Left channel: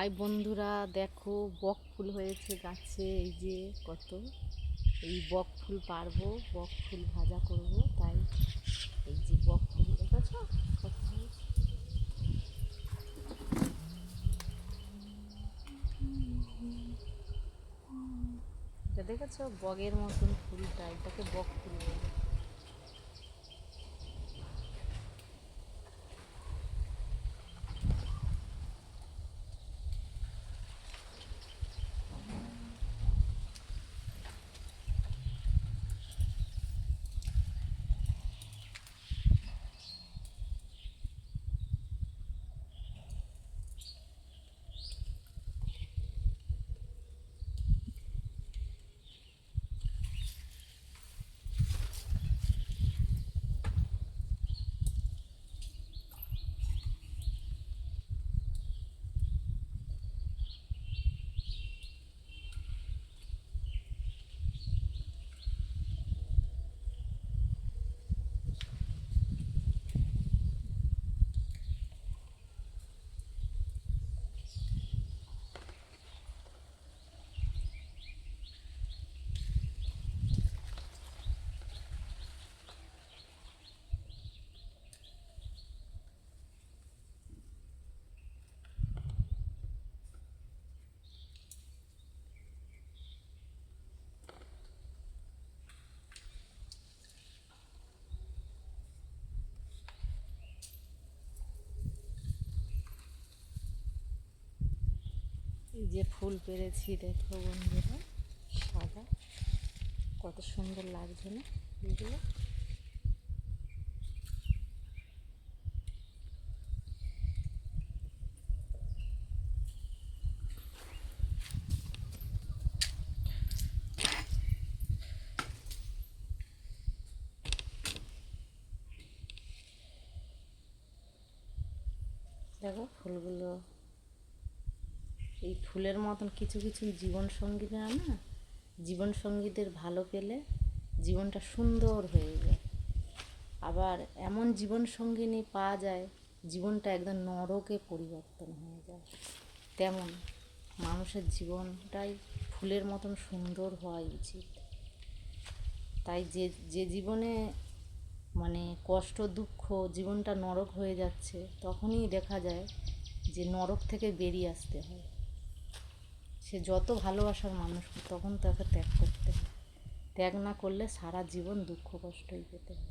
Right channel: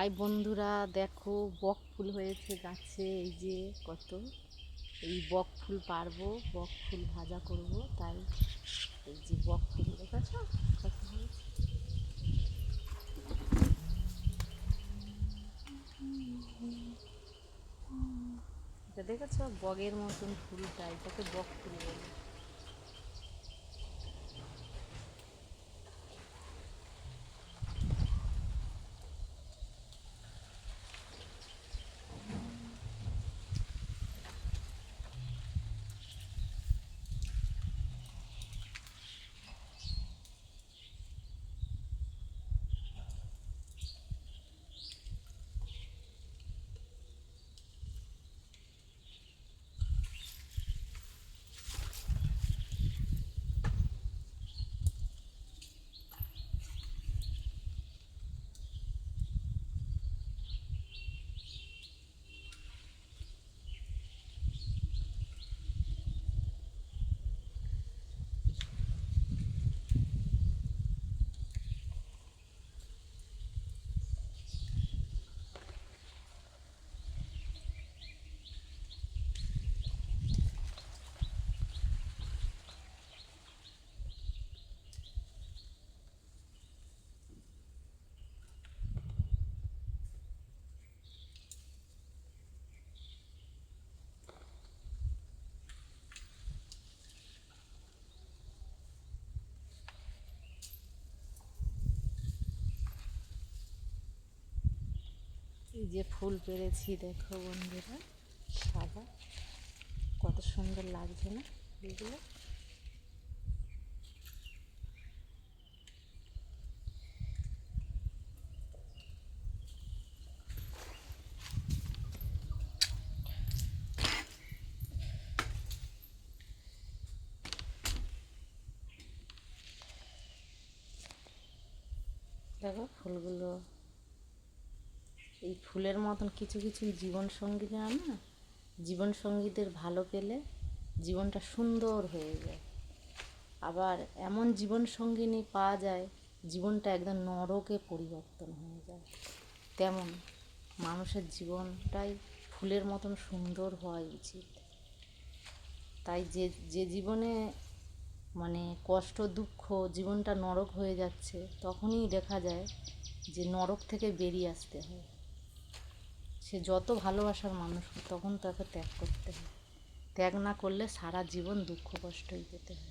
High বন্ধুরা, দেখো বক ফুল হয়েছে গাছে। এই যে কত, এই বক ফুল পারবো, বক ফুল ভাজা করব। তাই এই যে বক ফুল দেখেছ কত হয়েছে। এটা দেখেছ বগের মতন ফুলটা, এটাকে বক ফুল বলে। এই যে ফুল পেরেছি, দেখো বন্ধুরা, সাদা, কত সুন্দর লাগছে না ফুলগুলো। দেখো ফুলগুলো, এই ফুলের মতন কিছু কিছু জীবনসঙ্গীরা না, জীবনসঙ্গীদের ভালো পেলে জীবনটা সুন্দর হয়ে যায়। আবার এমন জীবনসঙ্গিনী পাওয়া যায়, জীবনটা একদম নরকে পরিবর্তন হয়ে যায়। তেমন মানুষের জীবনটাই ফুলের মতন সুন্দর হওয়াই উচিত। তাই যে যে জীবনে মানে কষ্ট দুঃখ, জীবনটা নরক হয়ে যাচ্ছে, তখনই দেখা যায় যে নরক থেকে বেরিয়ে আসতে হয়। সে যত ভালোবাসার মানুষ হোক, তখন তাকে ত্যাগ করতে হয়। ত্যাগ না করলে সারা জীবন দুঃখ কষ্টই পেতে হয়।